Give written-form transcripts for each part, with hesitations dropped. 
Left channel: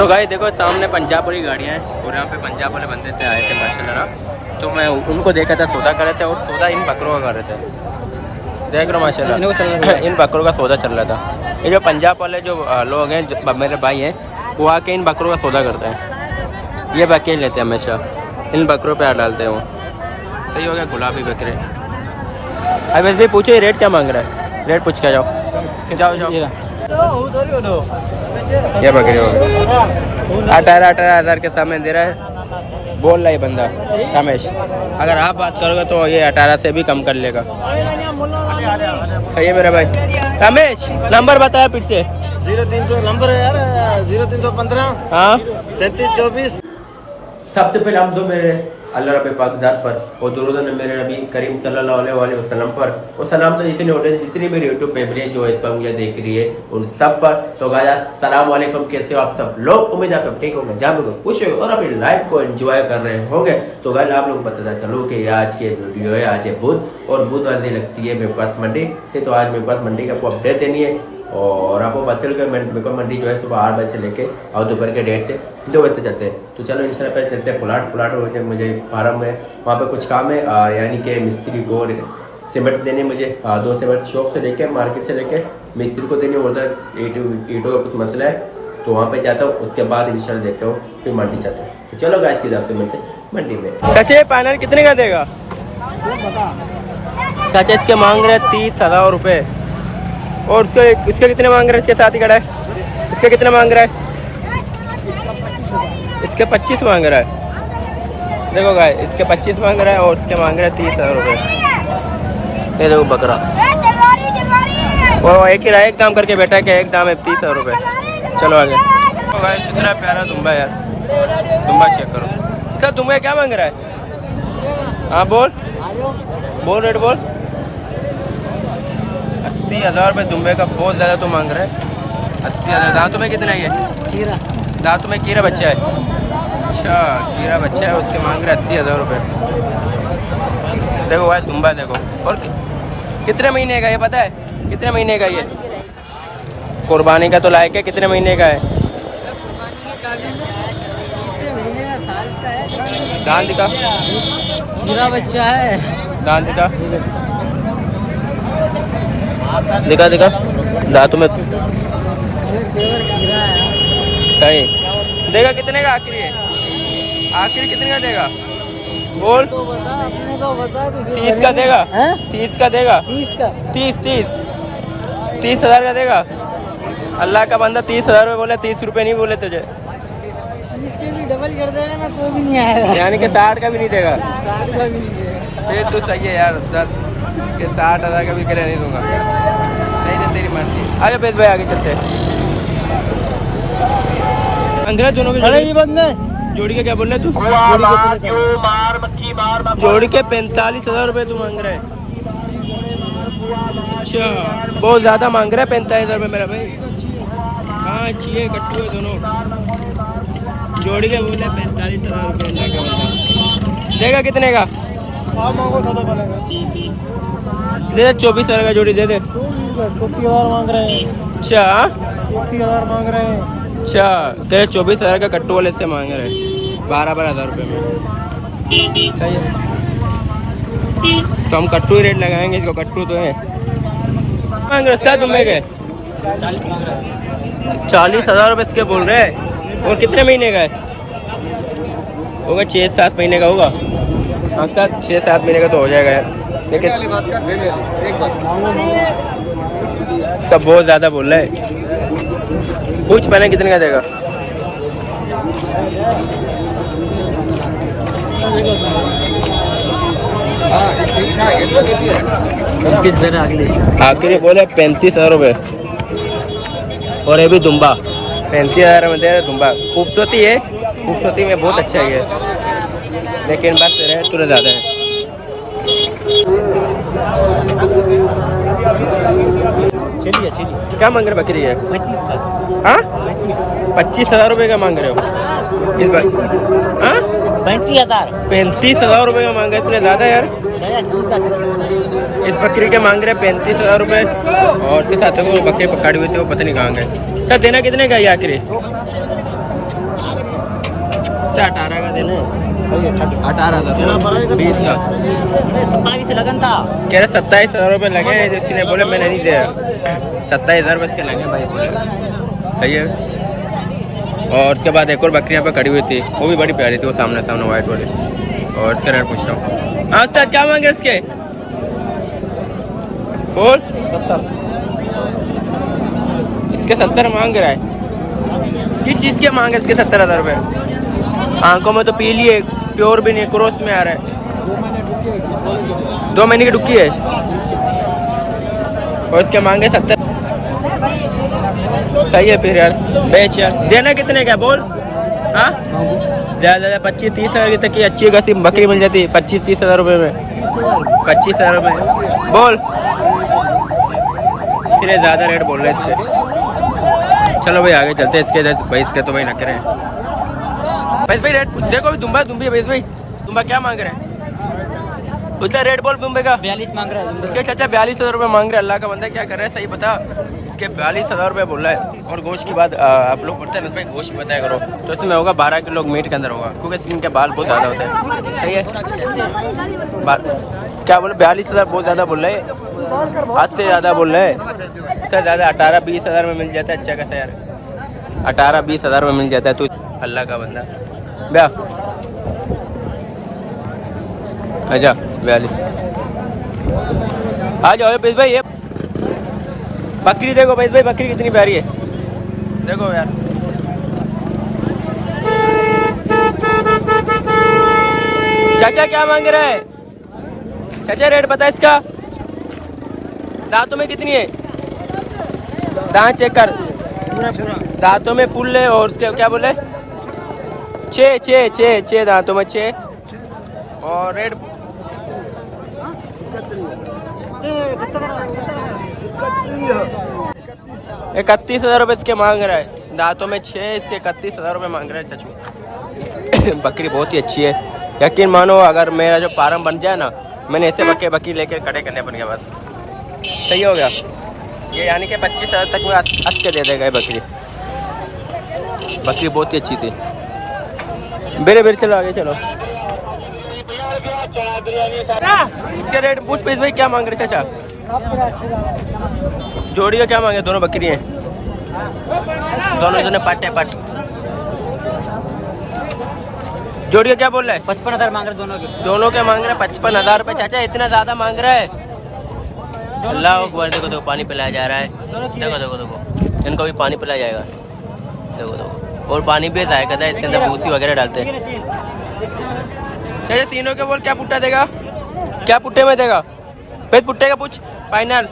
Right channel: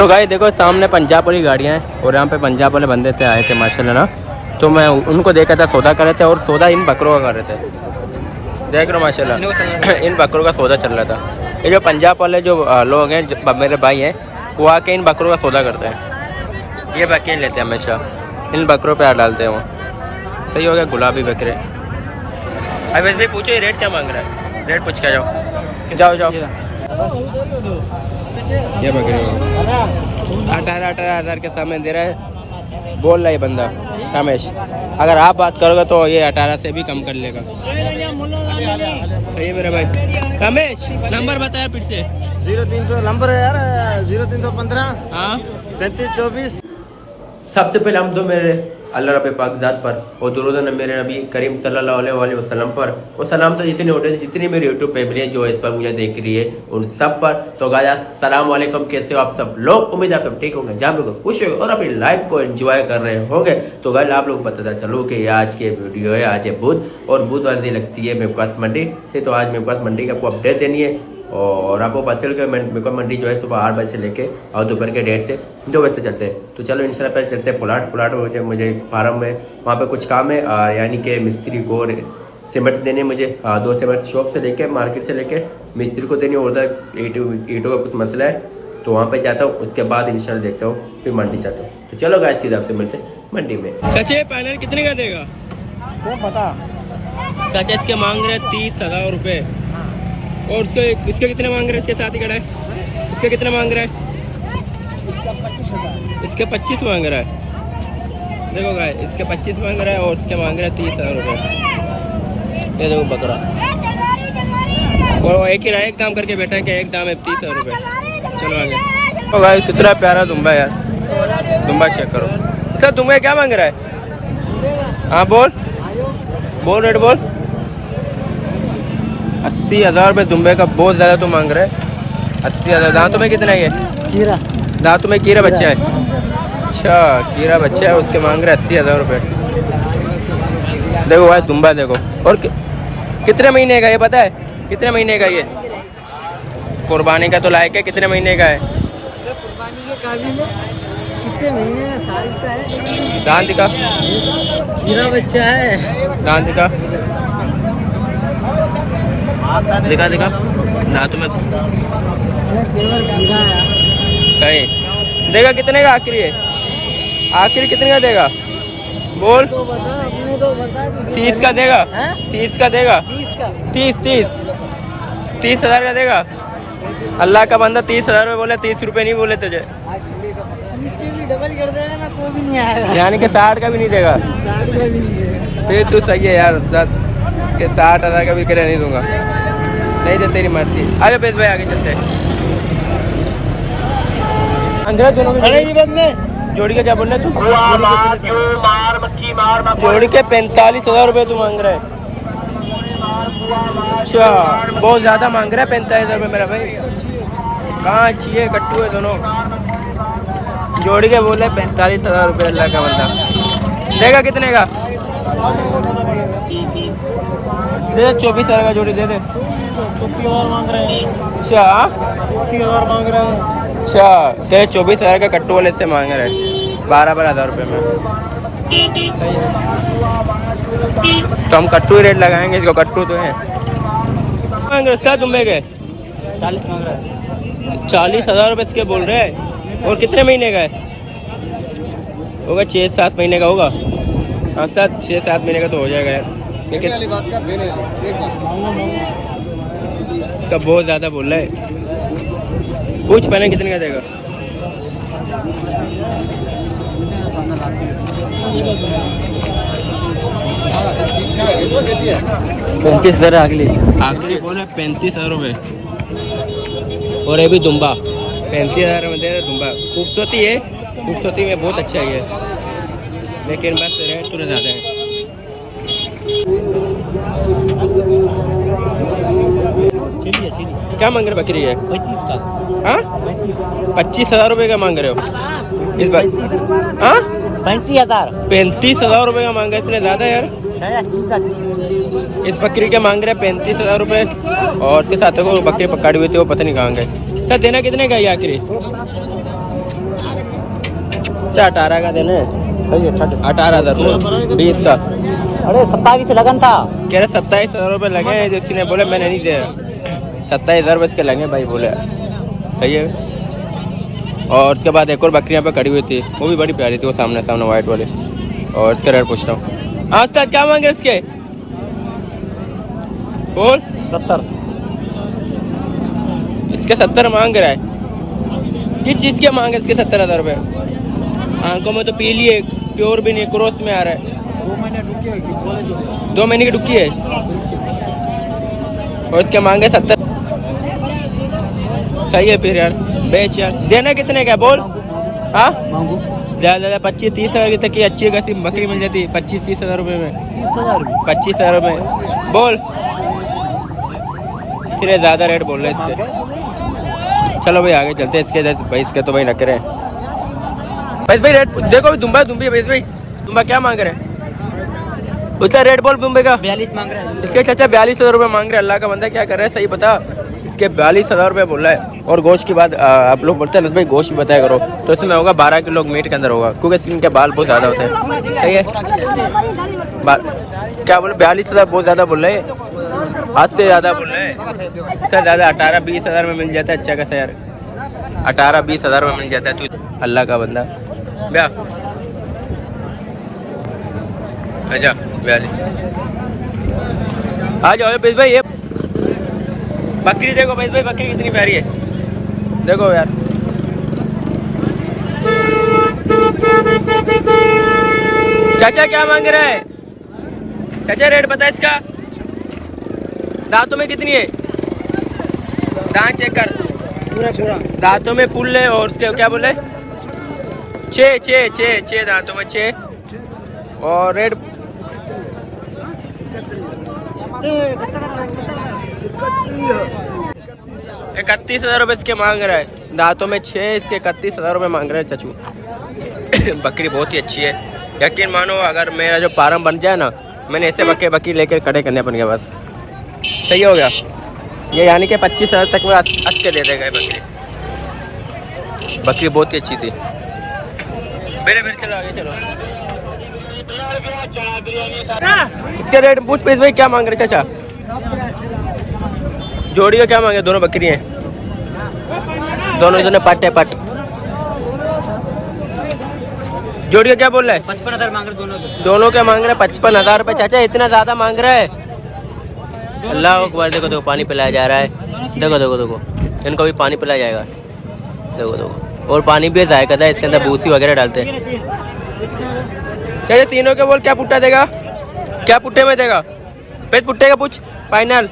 तो गाइस देखो सामने पंजाब वाली गाड़ियाँ हैं और यहाँ पे पंजाब वाले बंदे से आए थे माशाल्लाह ना। तो मैं उनको देखा था, सौदा कर रहे थे और सौदा इन बकरों का कर रहे थे। देख रहे हो माशाल्लाह इन बकरों का सौदा चल रहा था। ये जो पंजाब वाले जो लोग हैं, मेरे भाई हैं, वो आके इन बकरों का सौदा करते हैं। ये बकरे लेते हैं हमेशा, इन बकरों पे हाथ डालते हैं वो। सही हो गया, गुलाबी बकरे। अभी बस भाई पूछो ये रेट क्या मांग रहा है, रेट पूछ के जाओ जाओ जाओ। ये बकरे हो गए 18,000 के सामने दे रहा है, बोल रहा है बंदा रमेश। अगर आप बात करोगे तो ये 18 से भी कम कर लेगा। सही है मेरा भाई। रमेश नंबर बताया फिर से। 0300 नंबर है यार, 0315 हाँ 3724। सबसे पहले हम तो मेरे अल्लाह रब पाक ज़ात पर और दुरूद मेरे नबी करीम सल्लल्लाहु अलैहि वसल्लम पर और सलाम तो जितनी ऑडियंस जितनी मेरी यूट्यूब फैमिली है जो इस पर मुझे देख रही है उन सब पर। तो गाइस अस्सलाम वालेकुम, कैसे हो आप सब लोग? उम्मीद आप सब ठीक होंगे, जहाँ भी खुश हो और अपनी लाइफ को एंजॉय कर रहे होंगे। तो गाइस आप लोग पता चलो कि आज की वीडियो है, आज है बुध और बुधवार दिन लगती है मेरे पास मंडी से। तो आज मेरे पास मंडी की आपको अपडेट देनी है और आपको पता चल के मेरे को मंडी जो है सुबह 8 बजे से लेके और दोपहर के 1:30 से 2 बजे तक चलते हैं। तो चलो इंशाल्लाह पहले चलते हैं प्लाट मुझे फार्म में वहाँ पे कुछ काम है, यानी कि मिस्त्री को सीमेंट देने मुझे 2 सीमेंट शॉप से लेके मार्केट से लेके मिस्त्री को देनी, उधर ईंटों का कुछ मसला है तो वहाँ पे जाता हूँ। उसके बाद इंशाल्लाह देखता हूँ फिर मंडी जाता हूँ। तो चलो गाइस सीधा आपसे मिलते हैं मंडी में। चाचा पैनल कितने का देगा? चाचा इसके मांग रहे 30,000 रुपये और इसके कितने मांग रहे हैं? इसके साथ ही खड़ा है, इसके कितने मांग रहा है? इसके 25 मांग रहा है। देखो गाइस इसके 25 मांग रहा है और इसके मांग रहा है 30,000 रुपये। ये देखो बकरा, और एक ही एक दाम करके बैठा है कि एक दाम है 30,000 रुपये। चलो आगे। तो गाइस कितना प्यारा दुम्बा यार, दुम्बा चेक करो। सर दुम्बा क्या मांग रहा है? हाँ बोल रेट बोल। 80,000 रुपये दुम्बे का, बहुत ज़्यादा तो मांग रहे हैं। 80,000। दांतों में कितना है ये? कीरा, दांतों में कीरा बच्चा है। अच्छा कीरा बच्चा है, उसके मांग रहे 80,000 रुपये। देखो भाई दुम्बा देखो। और कितने महीने का ये पता है? कितने महीने का ये? कुर्बानी का तो लायक है। कितने महीने का है? कुर्बानी के काबिल कितने महीने का, साल का है। दांत दिखा, कीरा बच्चा है। दांत दिखा दिखा दिखा दांतों में सही। देगा कितने का आखिरी है? आखिरी कितने का देगा बोल? तो बता, अपने तो बता। 30 का देगा? 30 का देगा? 30,000 का देगा? अल्लाह का बंदा 30,000 रुपये बोले, 30 रुपये नहीं बोले तुझे। 30 के भी डबल कर देगा ना तो भी नहीं आएगा, यानी कि 60 का भी नहीं देगा। 60 का भी नहीं है। फिर तू सही है यार उस्ताद के 60,000 का भी करे नहीं दूंगा। नहीं दे तेरी मर्जी। आगे पेश भाई आगे चलते हैं। अंग्रेज दोनों के जोड़ी के क्या बोल रहे तू? जोड़ी के 45,000 रुपये तू मांग रहा है। अच्छा बहुत ज़्यादा मांग रहा है 45,000 रुपये मेरा भाई। कहाँ अच्छी है, कट्टू है दोनों। जोड़ी के बोले 45,000 रुपये। अल्लाह का बंदा देगा कितने का? दे 24,000 का जोड़ी दे दे। 34,000 मांग रहे हैं। अच्छा 34,000 मांग रहे हैं। अच्छा कह 24,000 का कट्टू वाले से मांग रहे हैं 12,000 रुपये में। सही है, तो हम कट्टू ही रेट लगाएंगे इसको, कट्टू तो है। मांग रहे तुम्हें के 40,000 रुपये इसके बोल रहे हैं। और कितने महीने का है? होगा 6-7 महीने का होगा। हाँ 6-7 महीने का तो हो जाएगा यार, लेकिन सब बहुत ज़्यादा बोल रहा है। पूछ पैनल कितने का देगा? आखिरी बोले 35,000 रुपये। और ये भी दुम्बा 35,000 में दे रहे। दुम्बा खूबसूरती है, खूबसूरती में बहुत अच्छा है ये, लेकिन बस रेट थोड़ा ज़्यादा है। चलिए क्या मांग रहे बकरी है? 25 का। हाँ 25,000 रुपये का मांग रहे हो इस बार? हाँ 35,000 रुपये का मांग रहे, इतने ज़्यादा यार। इस बकरी के मांग रहे 35,000 रुपये और के साथ वो बकरी पकड़ी हुई थी, वो पता नहीं कहाँ गए। सर देना कितने का ये आखिरी? अच्छा 18 का देना है। सही है, 18,000 20 का। अरे 27 लगन था। कह रहे 27,000 रुपये लगे हैं, किसी ने बोले मैंने नहीं दिया। 27,000 रुपये इसके लगे भाई बोले। सही है। और उसके बाद एक और बकरी यहाँ पे खड़ी हुई थी, वो भी बड़ी प्यारी थी, वो सामने सामने वाइट वाली। और इसका रेट पूछ रहा हूँ। हाँ उस्ताद क्या मांगे इसके? बोल। 70। इसके 70 मांग रहा है। किस चीज़ के मांगे इसके 70,000 रुपये? आंखों में तो पीली है, प्योर भी नहीं, क्रॉस में आ रहा है। 2 महीने की डुक्की है और इसके मांगे 70। सही है फिर यार, बेच यार। देना कितने का बोल? हाँ ज़्यादा 25-30 हज़ार तक की अच्छी खासी बकरी मिल जाती है। 25-30 हज़ार रुपये में, 25 हज़ार रुपये बोल। इसलिए ज़्यादा रेट बोल रहे हैं इसके। चलो भाई आगे चलते हैं। इसके भाई इसके तो भाई न करें भाई रेट देखो। दुम्बा दुम्बी है भाई। दुम्बा क्या मांग रहे हैं? उसका रेट बोल दुम्बे का। 42 मांग रहा है इसके चाचा 42,000 रुपये मांग रहे हैं। अल्लाह का बंदा क्या कर रहा है सही बता। इसके 42,000 रुपये बोल रहा है। और गोश्त की बात आप लोग बोलते हैं ना भाई गोश्त बताया करो, तो इसमें होगा 12 किलो मीट के अंदर होगा, क्योंकि इसके बाल बहुत ज़्यादा होते हैं। सही है। क्या बोले 42,000 बहुत ज़्यादा बोल रहे हैं, आज से ज़्यादा बोल रहे हैं। इससे ज़्यादा 18-20 हज़ार में मिल जाता है अच्छा खासा यार। 18-20 हज़ार में मिल जाता है। तू अल्लाह का बंदा ब्या आजा 42 आ जाओ बेस भाई। ये बकरी देखो बेस भाई, बकरी कितनी प्यारी है देखो यार। चाचा क्या मांग रहा है? चाचा रेट बता इसका। दांतों में कितनी है? दांत चेक कर पूरा। दांतों में पुल है। और उसके क्या बोले? 6 दांतों में 6। और रेट 31,000 रुपये इसके मांग रहा है। दांतों में 6, इसके 31,000 रुपये मांग रहे हैं चाचू। बकरी बहुत ही अच्छी है। यकीन मानो अगर मेरा जो फार्म बन जाए ना, मैंने ऐसे बकरी लेकर खड़े करने अपन के पास। सही हो गया ये, यानी कि 25,000 तक में हंस के दे देगा ये बकरी। बकरी बहुत ही अच्छी थी। बेरे चलो आगे चलो। इसके रेट पूछ पेश भाई क्या मांग रहे चाचा? जोड़ी का क्या मांगे? दोनों बकरी हैं, दोनों इधर पट है पट। जोड़ी का क्या बोल रहा है? 55,000 मांग रहे दोनों के मांग रहे हैं 55,000 रुपये। चाचा इतना ज्यादा मांग रहा है? अल्लाह अकबर। देखो देखो पानी पिलाया जा रहा है। देखो देखो देखो इनको भी पानी पिलाया जाएगा। देखो देखो और पानी भी जायका था, इसके अंदर भूसी वगैरह डालते हैं। चाचा तीनों के बोल क्या पुट्टा देगा? क्या पुट्टे में देगा? पेट पुट्टे का पूछ फाइनल।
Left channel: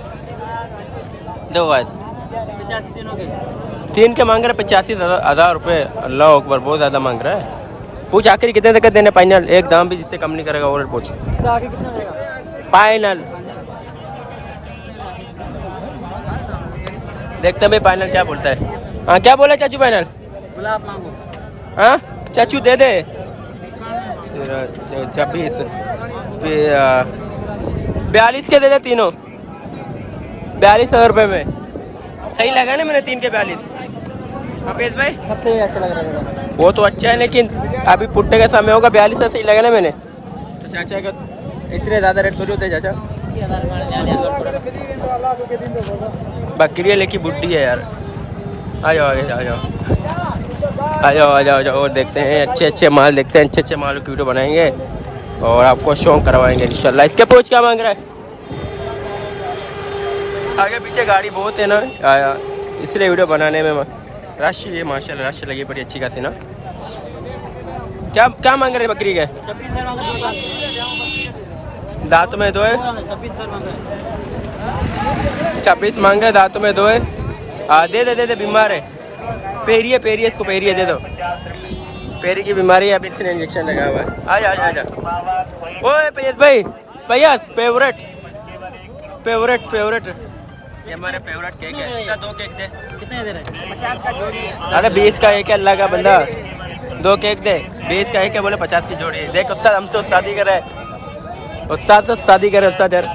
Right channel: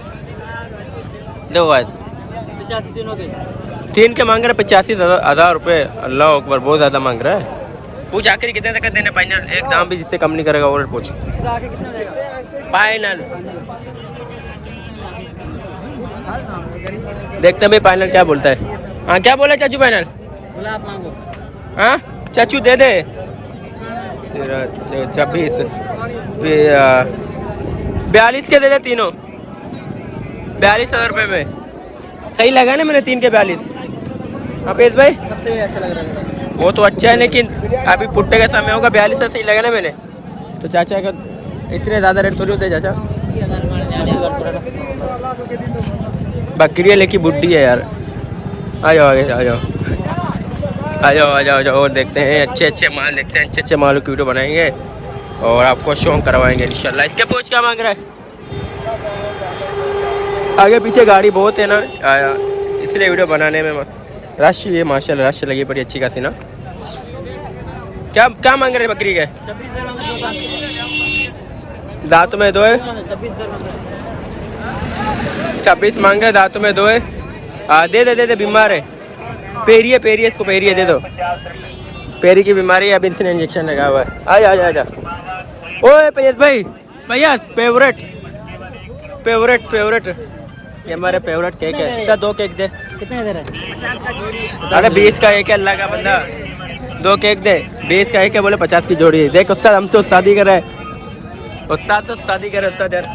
देखो आज 85 दिनों के 3 के मांग रहे 85,000 रुपये। अल्लाह अकबर बहुत ज्यादा मांग रहा है। पूछ आखिर कितने तक देने फाइनल? एक दाम भी जिससे कम नहीं करेगा और पूछ आगे कितना देगा फाइनल। देखते हैं भाई फाइनल क्या बोलता है। हाँ क्या बोला चाचू फाइनल? बोला आप मांगो। हाँ चाचू दे दे 26 42 के दे दे तीनों 42,000 रुपये में। सही लगा ना मैंने 3 के 42? हाँ पेश भाई सबसे अच्छा लग रहा है वो तो अच्छा है, लेकिन अभी पुट्टे का समय होगा। 42 से सही लगा ना मैंने? तो चाचा के इतने ज़्यादा रेट थोड़ी होते हैं चाचा। बकरी है लेकिन बुड्ढी है यार। आ जाओ आगे आ जाओ आ जाओ आ जाओ आ जाओ। और देखते हैं अच्छे माल, देखते हैं अच्छे माल की वीडियो बनाएंगे और आपको शौक करवाएंगे इंशाल्लाह। इसके पूछ क्या मांग रहा है? आगे पीछे गाड़ी बहुत है ना आया, इसलिए वीडियो बनाने में रश ये माशाल्लाह रश लगी बड़ी अच्छी खासी ना। क्या मांग रहे बकरी के? 26,000 दांत में 2 है। 26 मांग रहे, दांतों में 2 है। दे दे दे दे बीमार है। पेरी है इसको पेरी है दे दो। पेरी की बीमारी है, अभी इसने इंजेक्शन लगा हुआ है। आजा आजा आजा। ओए पैस भाई भैया फेवरेट ये हमारे फेवरेट केक है। सर 2 केक दे। कितने दे रहे? अरे 20 का एक है अल्लाह का बंदा। 2 केक दे। 20 का एक है बोले 50 की जोड़ी है। देख उस्ताद हमसे उस्तादी कर रहा है। उस्ताद से उस्तादी करे उस्ताद यार।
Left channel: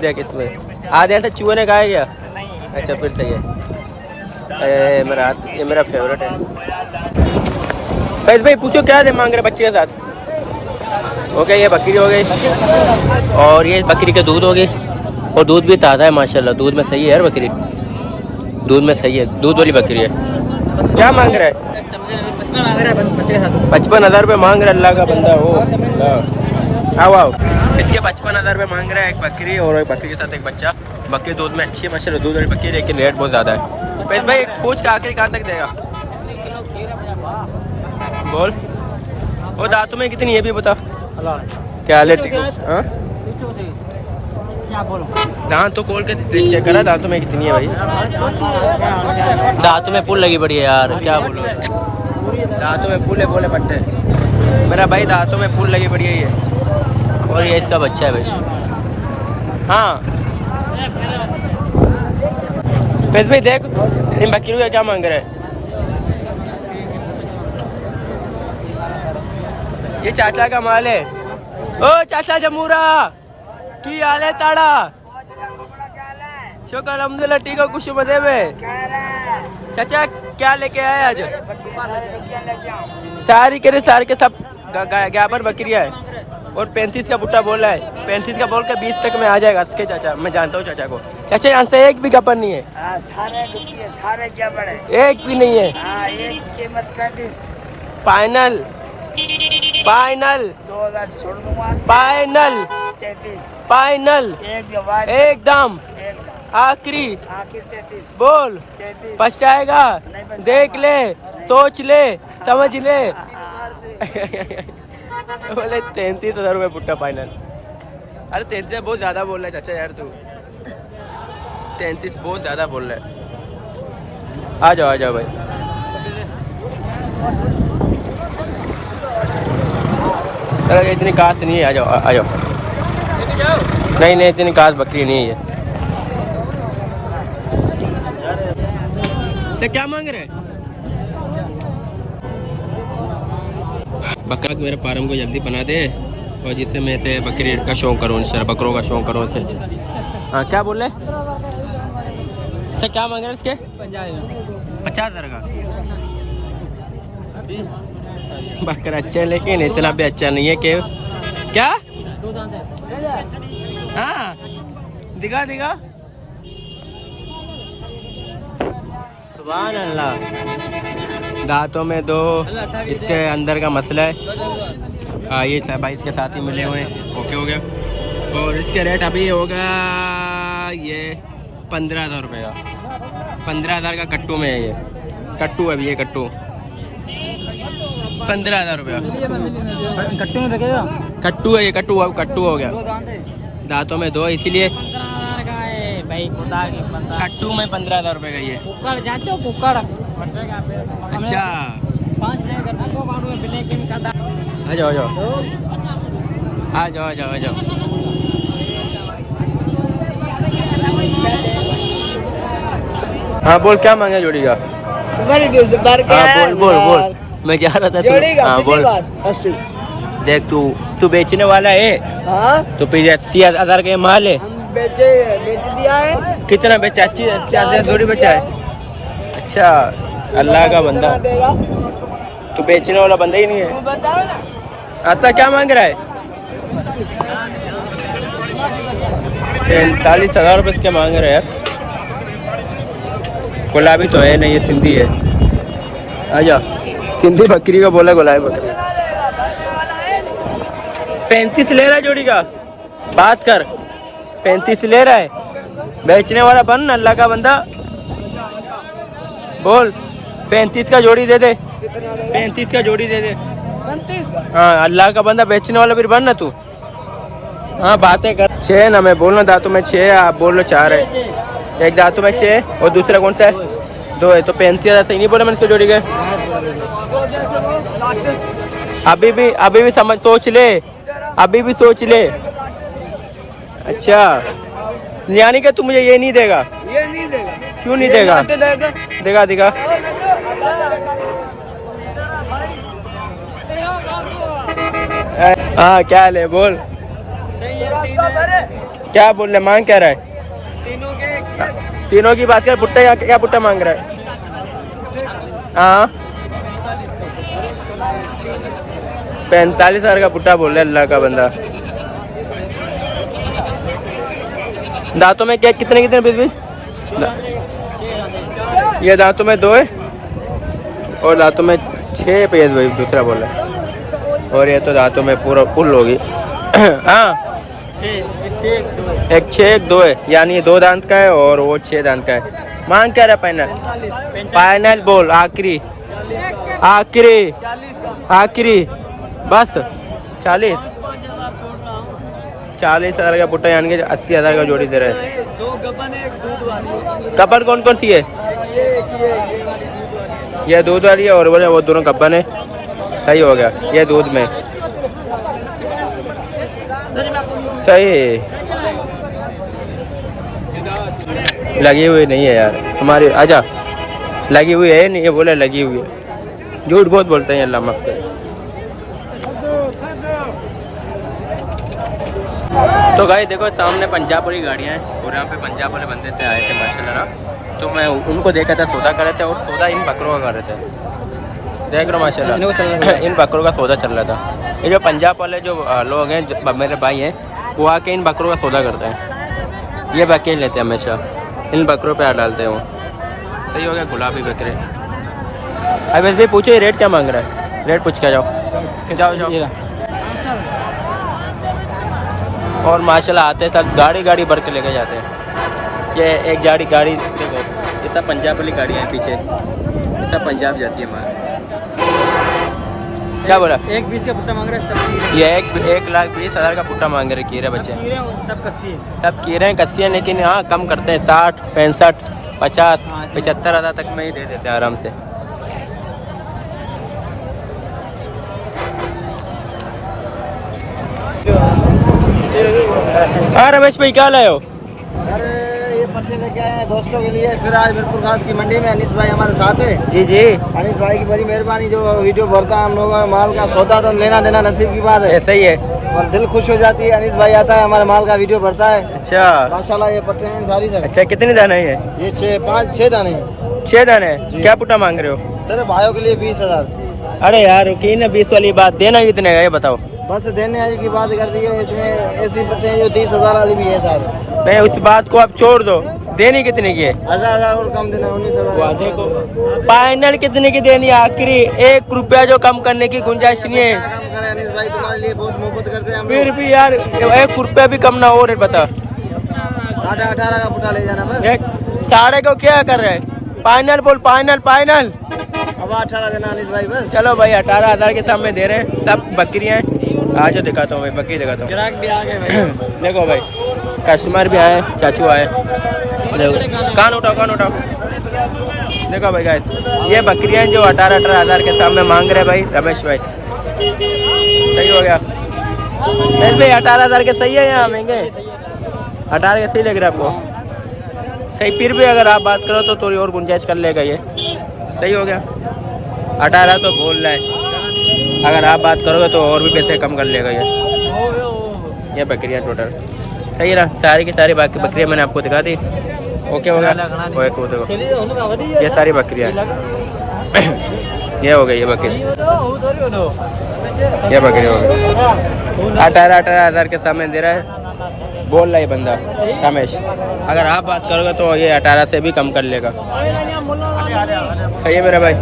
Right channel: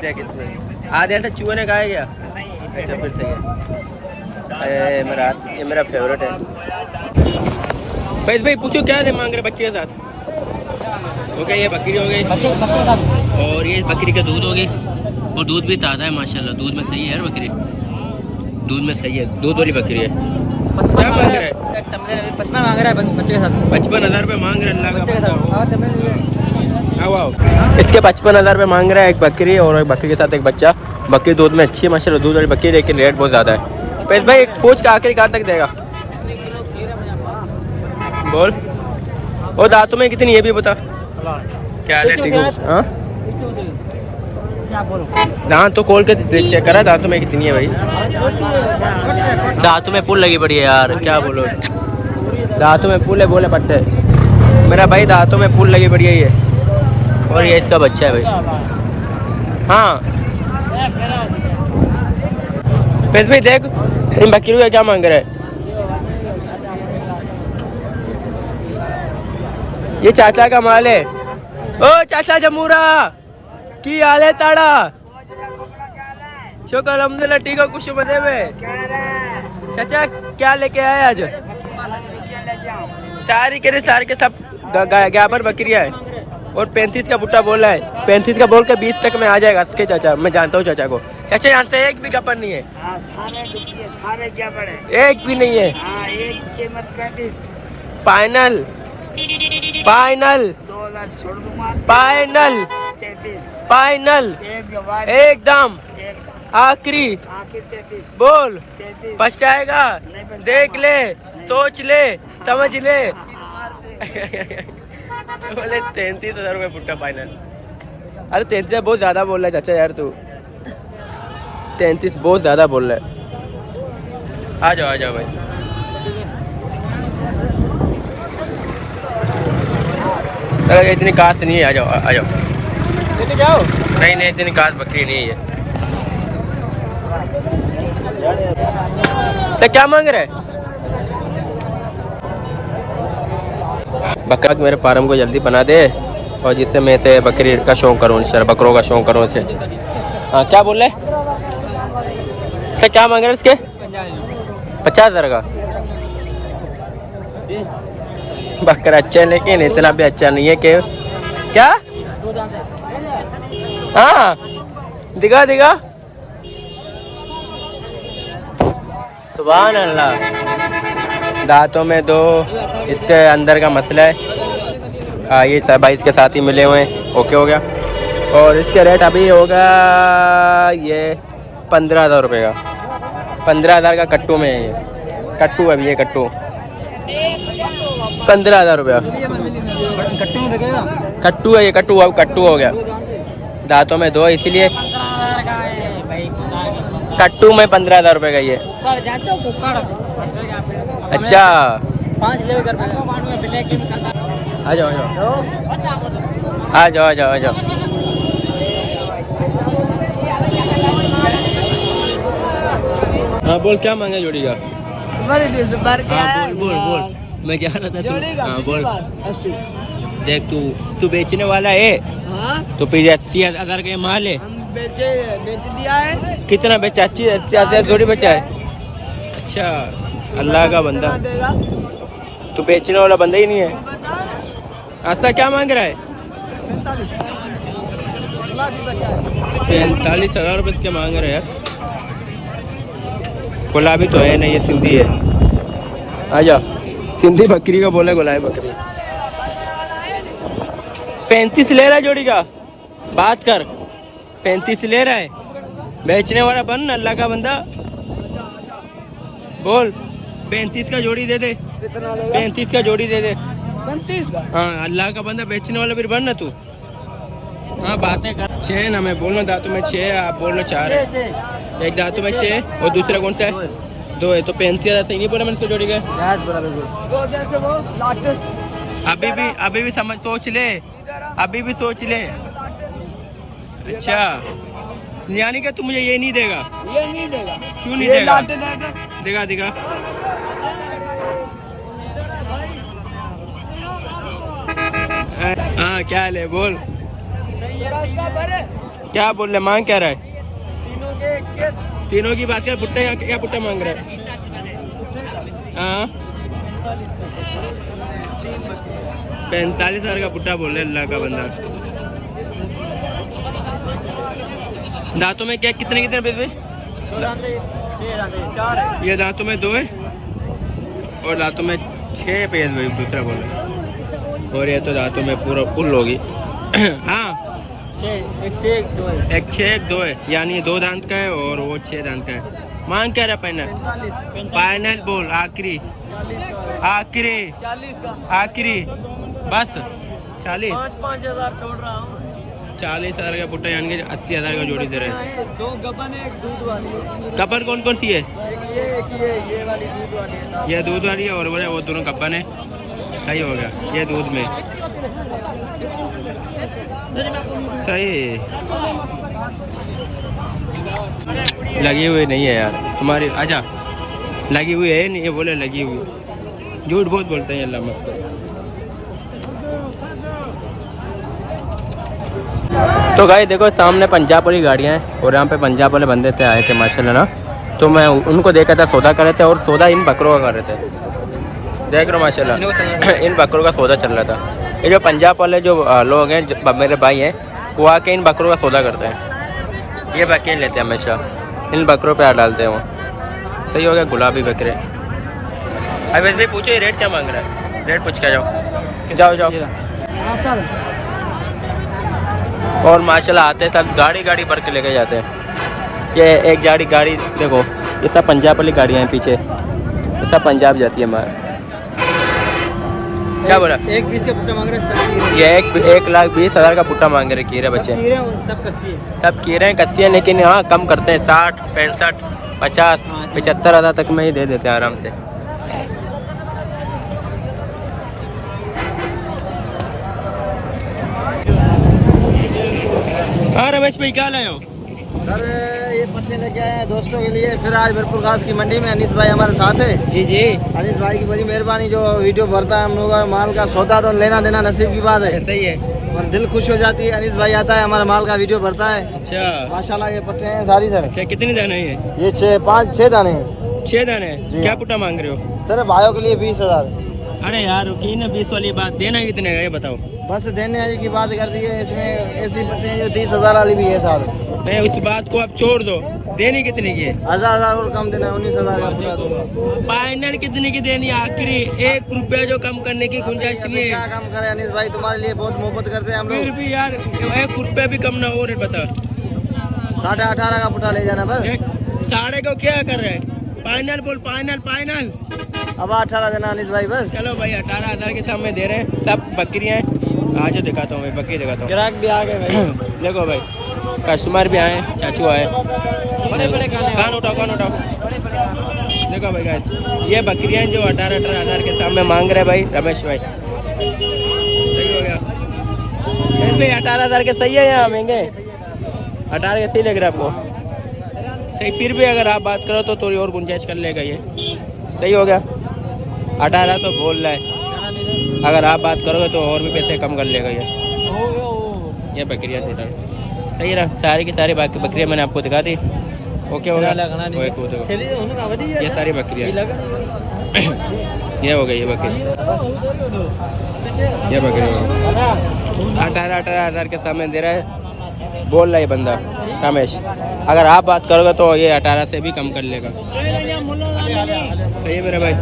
देख इसमें आधे से चूहे ने खाया क्या? अच्छा फिर सही है। ये मेरा फेवरेट है। फैज भाई पूछो क्या दे मांग रहे बच्चे के साथ। ओके ये बकरी हो गई और ये बकरी के दूध हो गई और दूध भी ताज़ा है माशाल्लाह। दूध में सही है यार बकरी, दूध में सही है, दूध वाली बकरी है। क्या मांग रहा है? 55 मांग रहा है बच्चे के साथ। 55,000 रुपये मांग रहा है अल्लाह का बंदा। आओ आओ, इसके 55,000 रुपये मांग रहा है एक बकरी और एक बकरी के साथ एक बच्चा। बकरी दूध में अच्छी है माशाल्लाह, दूध वाली बकरी, लेकिन रेट बहुत ज़्यादा है। फैज भाई पूछ का आखिरी कहाँ तक देगा? बोल। और दांतों में कितनी है भी बता। क्या हाल है? ठीक है। हाँ दांत तो खोल के चेक करा, दांतों में कितनी है भाई? दांतों में पुल लगी पड़ी है यार, क्या बोलो। दांतों में पुल है, बोले पट्टे मेरा भाई, दांतों में पुल लगी पड़ी है ये। और ये इसका बच्चा है भाई। हाँ फैज भाई देख इन बकरियों का क्या मांग रहा है? ये चाचा का माल है। ओ चाचा जमूरा की हाल है ताड़ा? शुक्र अल्हम्दुलिल्लाह ठीक है, खुश मजे में। चाचा क्या लेके आए आज? सारी के सब गाबर बकरिया है और 35 का बुट्टा बोला है। 35 का बोल के 20 तक में आ जाएगा इसके चाचा, मैं जानता हूँ चाचा को। चाचा यहाँ से एक भी गपर नहीं है? सारे क्या बड़े, एक भी नहीं है। एक कीमत 35 फाइनल फाइनल 2000 छोड़ दूंगा। फाइनल 33 फाइनल एकदम आखिरी आखिर 33 बोल। 33 पछताएगा? देख ले, सोच ले, समझ ले। बोले 33,000 रुपये पुट्टा फाइनल। अरे 33 बहुत ज्यादा बोल रहा है चाचा यार, तू 33 बहुत ज्यादा बोल रहा है। आ जाओ भाई। अगर इतनी काश नहीं है, आ जाओ। नहीं इतनी काश बकरी नहीं है ये। तो क्या मांग रहे हैं? बकरा मेरे फार्म को जल्दी बना दे और जिससे मैं इसे बकरी का शौक करूँ, इंशाल्लाह बकरों का शौक करूँ इसे। हाँ क्या बोल रहे सर? क्या मांग रहे हैं इसके? 50,000 का बकरा अच्छा है, लेकिन इतना भी अच्छा नहीं है कि क्या। हाँ दिखा सुभान अल्लाह। दांतों में दो, इसके अंदर का मसला है। ये सब भाई इसके साथ ही मिले हुए हैं। ओके हो गया। और इसके रेट अभी होगा ये 15,000 रुपये का। 15,000 का कट्टू में है ये, कट्टू है ये, कट्टू 15,000 रुपया कट्टू है ये, कट्टू हो गया। दांतों में दो, इसीलिए कट्टू में 15,000 रुपये का ये। अच्छा आ जाओ। हाँ बोल क्या मांगे जोड़ी का? हाँ बोल मैं जा रहा था। हाँ बोल। देख तू बेचने वाला है? हाँ तो फिर 80,000 का माल है। हम बेच दिया है। कितना बेचा? 80,000 जोड़ी बेचा है। अच्छा अल्लाह का बंदा, तू बेचने वाला बंदा ही नहीं है। ऐसा क्या मांग रहा है? 43,000 रुपये इसके मांग रहे हैं यार। गुलाबी तो है नहीं, ये सिंधी है। आजा सिंधी बकरी का बोला, गुलाबी बकरी। 35 ले रहा है जोड़ी का, बात कर। 35 ले रहा है, बेचने वाला बन अल्लाह का बंदा। बोल 35 का जोड़ी दे दे। 35 का जोड़ी दे दे। 35 का? हाँ अल्लाह का बंदा, बेचने वाला फिर बन ना तू। हाँ बातें कर। 6 ना, मैं बोलना दांतों में 6, आप बोल लो 4 है। एक दांतों में 6 और दूसरा कौन सा है? 2 है। तो 35,000 सही नहीं बोला मैंने इसको जोड़ी के? अभी भी समझ, सोच ले, अभी भी सोच ले। अच्छा यानी कि तू मुझे ये नहीं देगा? ये नहीं देगा। क्यों नहीं देगा? दिखा हाँ क्या हाल है? बोल क्या बोल रहे? मांग क्या रहा है? तीनों की बात कर। पुट्टा क्या पुट्टा मांग रहा है? हाँ 45,000 का पुट्टा बोल रहा है अल्लाह का बंदा। दांतों में क्या कितने कितने पीस भी? ये दांतों में 2 है और दांतों में 6 पीस भाई दूसरा बोल रहा है। और ये तो दांतों में पूरा फुल होगी। हाँ, एक 6 एक 2 है, यानी ये 2 दांत का है और वो 6 दांत का है। मांग क्या रहा फाइनल? फाइनल बोल, आखिरी आखिरी आखिरी बस 40। 40,000 का पुट्टा, यानी कि 80,000 का जोड़ी दे रहे हैं। कपन कौन कौन सी है? ये दूध वाली है और बोले वो दोनों कपन है। सही हो गया, ये दूध में सही है। लगी हुई नहीं है यार तुम्हारी, आजा। लगी हुई है नहीं, ये बोले लगी हुई है। झूठ बहुत बोलते हैं अल्लाह माफ करे। तो गाइस देखो सामने पंजाब वाली गाड़ियाँ हैं और यहाँ पे पंजाब वाले बंदे से आए थे माशाल्लाह ना, तो मैं उनको देखा था, सौदा कर रहे थे और सौदा इन बकरों का कर रहे थे। देख रहे हो माशाल्लाह इन बकरों का सौदा चल रहा था। ये जो पंजाब वाले जो लोग हैं, मेरे भाई हैं, वो आके इन बकरों का सौदा करते हैं। ये बकरे लेते हैं हमेशा, इन बकरों पे हाथ डालते हैं वो। सही हो गया, गुलाबी बकरे। अब वैसे भी पूछो ये रेट क्या मांग रहा है? रेट पूछ के जाओ जाओ जाओ। और माशाल्लाह आते सब गाड़ी गाड़ी भर के लेके जाते हैं। ये एक गाड़ी देखो, ये सब पंजाब वाली गाड़ियाँ हैं पीछे, ये सब पंजाब जाती है हमारा। क्या बोला? 1,20 का पुट्टा मांग रहे हैं सब। ये 1,20,000 का पुट्टा मांग रहे कीरे बच्चे। सब कच्ची है, सब कीरे हैं, कच्ची हैं, लेकिन हाँ कम करते हैं। 60, 65, 50, 75,000 तक में ही दे देते हैं आराम से। हाँ रमेश भाई क्या लाए हो? सर ये पत्ते लेके आए हैं दोस्तों के लिए। फिर आज भरपूर घास की मंडी में अनीस भाई हमारे साथ है। जी जी, अनीस भाई की बड़ी मेहरबानी, जो वीडियो भरता है हम लोगों का माल का सौदा, तो लेना देना नसीब की बात है। सही है, और दिल खुश हो जाती है। अनीस भाई आता है, हमारे माल का वीडियो भरता है। अच्छा माशाल्लाह ये पत्ते हैं सारी सर। अच्छा, कितने दाने हैं ये 6 दाने हैं। 6 दाने? जी। क्या पुट्टा मांग रहे हो? सर भाइयों के लिए 20,000। अरे यार रुकी ना 20 वाली बात, देना कितने का ये बताओ। बस देने आने की बात कर दी है। इसमें ऐसी पत्ते हैं जो 30,000 वाली भी है साहब। नहीं उस बात को आप छोड़ दो, देनी कितने की है? 1,000 और कम देना, 19,000। फाइनल कितने की देनी है? आखिरी 1 रुपया जो कम करने की गुंजाइश नहीं है। क्या कम करें अनीस भाई, तुम्हारे लिए बहुत मोहब्बत करते हैं हम फिर लोग। भी यार 1 रुपया भी कम ना हो रे, बता। 18.5 का पुट्टा ले जाना बस। 1.5 को क्या कर रहे हैं? फाइनल बोल, फाइनल फाइनल। अब 18 देना अनीस भाई बस। चलो भाई 18,000 के सामने दे रहे हैं। सब बकरियां हैं। आज दिखाता हूँ भाई, बकरी दिखाता हूँ। ग्राहक भी आ गए भाई। देखो भाई कस्टमर भी आए, चाचू आए। कान उठाओ कान उठाओ। देखो भाई गाइस, ये बकरियां जो 18,000 के सामने मांग रहे हैं भाई रमेश भाई। सही हो गया रमेश भाई? 18,000 के सही है या महंगे? 18 के सही लग रहा है आपको? सही। फिर भी अगर आप बात करो तो थोड़ी और गुंजाइश कर लेगा ये। सही हो गया, 18 तो बोल रहा है, अगर आप बात करोगे तो और भी पैसे कम कर लेगा ये बकरियाँ टोटल। सही है ना? सारी की सारी बाकी बकरियाँ मैंने आपको दिखा दी। ओके हो गया? वो देखो ये सारी बकरियाँ ये हो गई, ये बकरी, ये बकरी हो गई। 18,000 के सामने दे रहा है, बोल रहा है बंदा रमेश। अगर आप बात करोगे तो ये 18 से भी कम कर लेगा। सही है मेरा भाई।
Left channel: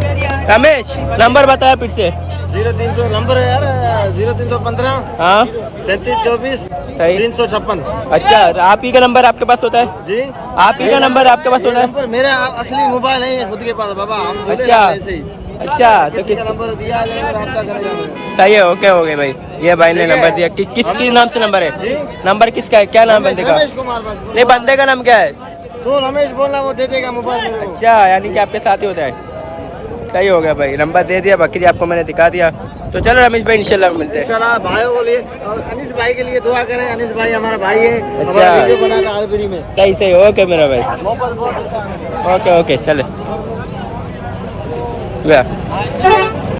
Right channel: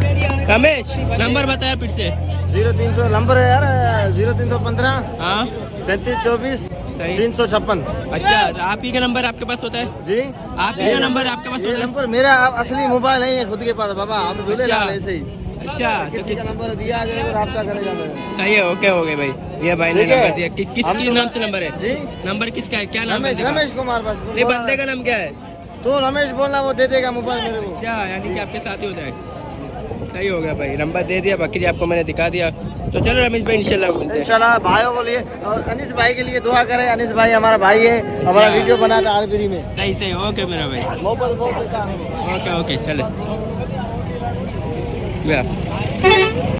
रमेश नंबर बताया फिर से। 0300 नंबर है यार, 0315 हाँ 3724 सही 356। अच्छा, आप ही का नंबर आपके पास होता है? जी आप ही का नंबर आपके पास ये होता है? नंबर मेरा असली मोबाइल नहीं है खुद के पास बाबा, हम जुड़े अच्छा। रहते हैं ऐसे ही। अच्छा तो किसी का नंबर दिया जाएगा और आपका करेगा मेरा। सही है, ओके हो गए भाई। ये भाई ने ठीक है। नंबर दिया। किसके नाम से नंबर है? जी नंबर किसका है? क्या नाम है? रमेश कुमार बस। नहीं, बंदे का नाम क्या है? तू रमेश बोलना, वो दे देगा मोबाइल मेरे को। अच्छा, यानी कि आपके साथ ही होता है। सही हो गया भाई, नंबर दे दिया, बकरी आपको मैंने दिखा दिया। तो चलो रमेश भाई इंशाल्लाह मिलते हैं। इंशाल्लाह भाइयों को लिए और अनीस भाई के लिए दुआ करें। अनीस भाई हमारा भाई है, अच्छा। हमारा वीडियो बनाता है आलबरी में। सही सही, ओके मेरा भाई, मोहब्बत बहुत करता है। ओके ओके चले।